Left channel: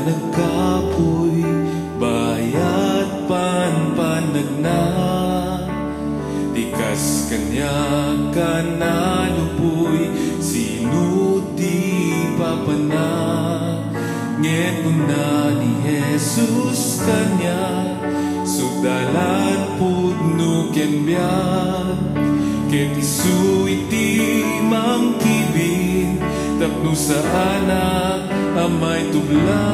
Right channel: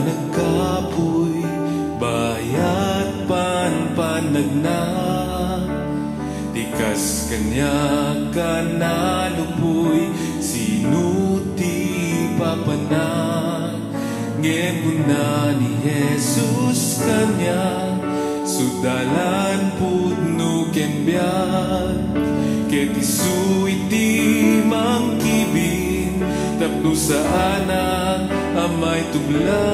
nagkapoy bayat panpanagna tikas kanya kanalupoy sinuti papana ngem kuna ni Jesus kanya sudalan pudno ken biag ket isu iti mangkibin tapno sa anak amay tubla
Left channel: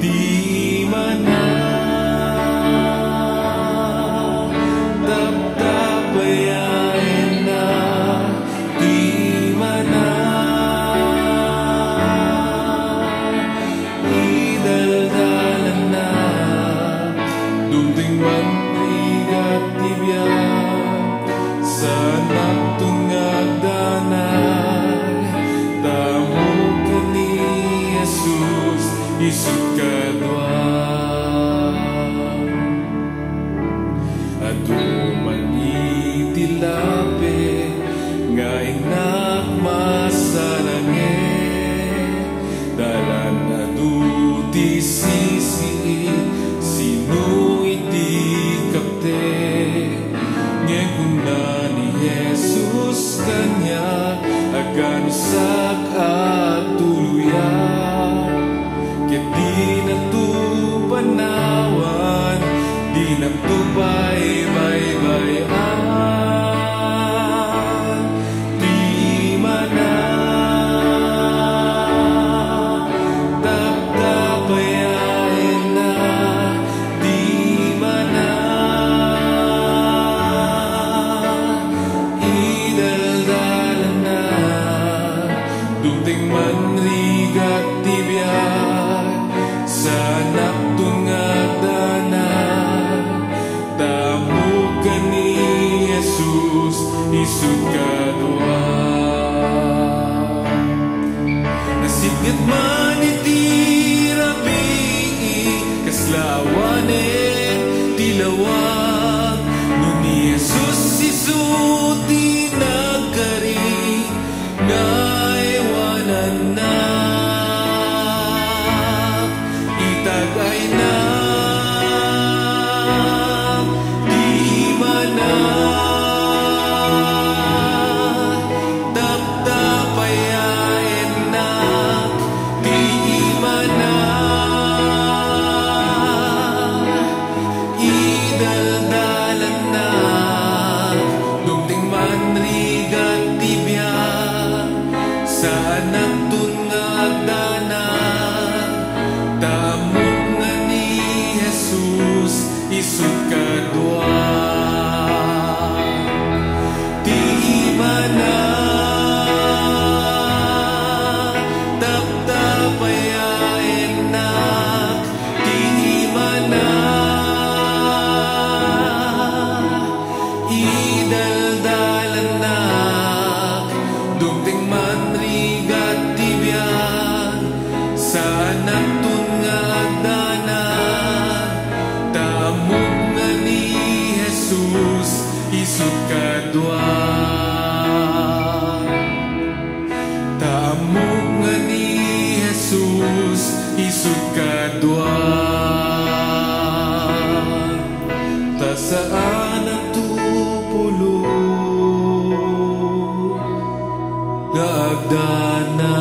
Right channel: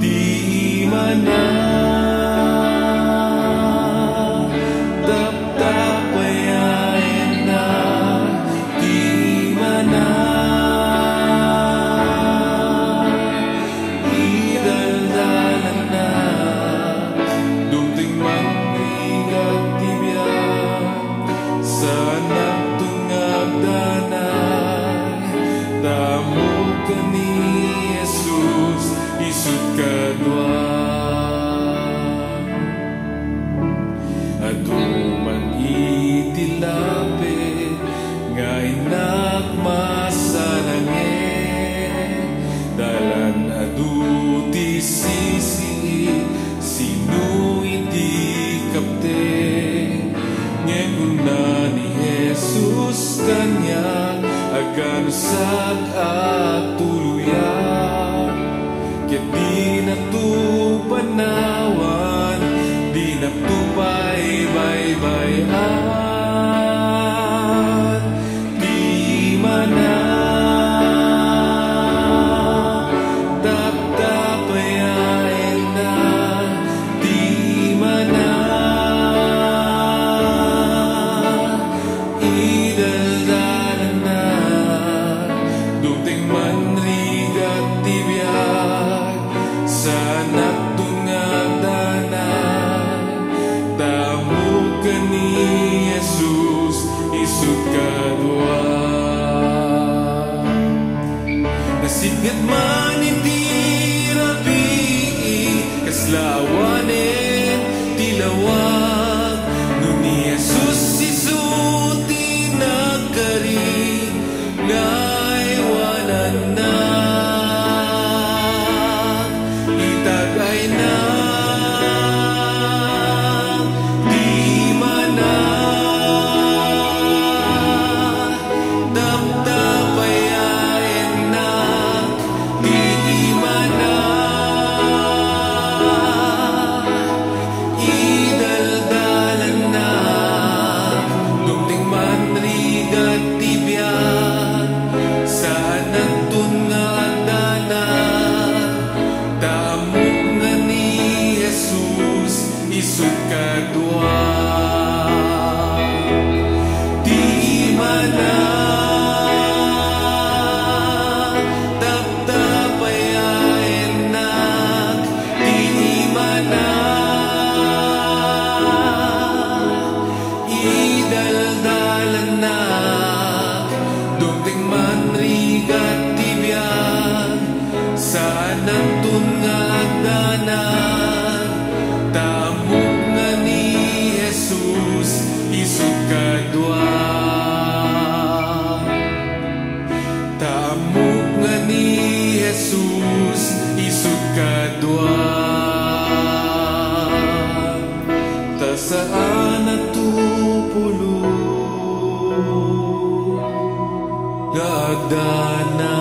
di mana taptapayain na di mana idaldalan na dumting manrigat tibiyag sa anak tungag danay tamo ka ni Jesus isut kadwa aduman itilapit nga inak masarangen dalan adu ti sisiit sino iti kapte ngem kuna ni Jesus kanya aganusak at tuluyan ket di na tu panawan di na tu baybayan di mana taptapayain na di mana idaldalan na dumting manrigat tibiyag sa anak tungag danay tamo ka ni Jesus isut kadwa nasipnget man iti rabii kaslawanen tilawag no ni Jesus isuti nagkari ngaywanan na itagay na di mana taptapayain na di mana idaldalan na dumting manrigat tibiyag sa anak tungag danay tamok nga ni Jesus isut kadwa di mana taptapayain nak di mana idaldalan nak dumting manrigat tibiyag sa anak tungag danay tamok nga ni Jesus isut kadwa tamok nga ni Jesus isut kadwa ta saan natupulo nga agdana